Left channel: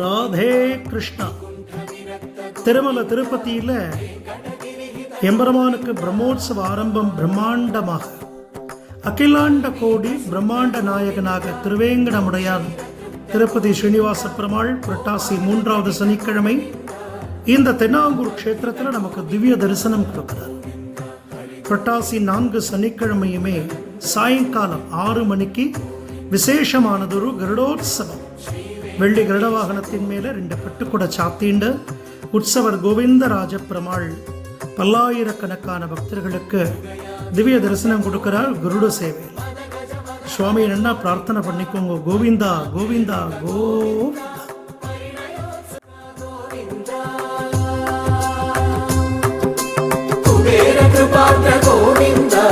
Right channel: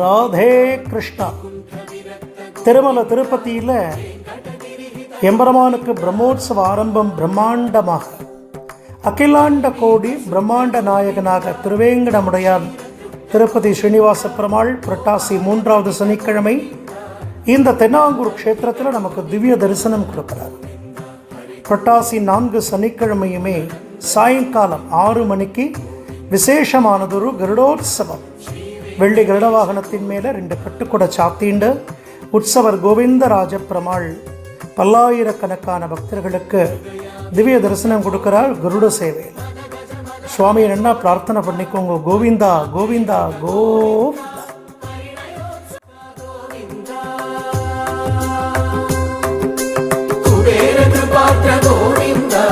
ராதே கிருஷ்ணா. திருமல திருப்பதியில் எம்பெருமானுக்கு பிரம்மோற்சவ ஆரம்பம் பிரம்மாண்டமாக. அகிலாண்ட கோடி பிரம்மாண்ட நாயகனாக திருவேங்கடமுடையான் திருப்பதி ஸ்ரீனிவாச பெருமாள் புரட்டாசி மூன்றாவது சனிக்கிழமை இந்த தென்னாங்கூர் க்ஷேத்திரத்தில் நமக்கு திவ்ய தரிசனம் கொடுக்கிறார். புரட்டாசி நான்கு சனிக்கிழமையுமே சாயங்காலம் ஆறு மணிக்கு விசேஷமானதொரு கருடோத்சவம் வெள்ளி கருட வாகனத்தின் மேலே ரெண்டு பட்டுக்குட சாத்தீண்டு உற்சவர் கோவிந்தராஜ பெருமாள் பல்லாயிரக்கணக்கான பக்தர்களுக்கு திவ்ய தரிசனம் கொடுக்கிறார் குருட சேவையில் சுவாமி என்ன பிரார்த்தனை பண்ணிக்கோங்க. கோவிந்தா கோவிந்தா கோவிந்தா. கோவிந்தா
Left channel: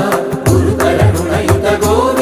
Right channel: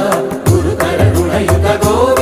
குரு கரணுணயுத கோவிந்தா.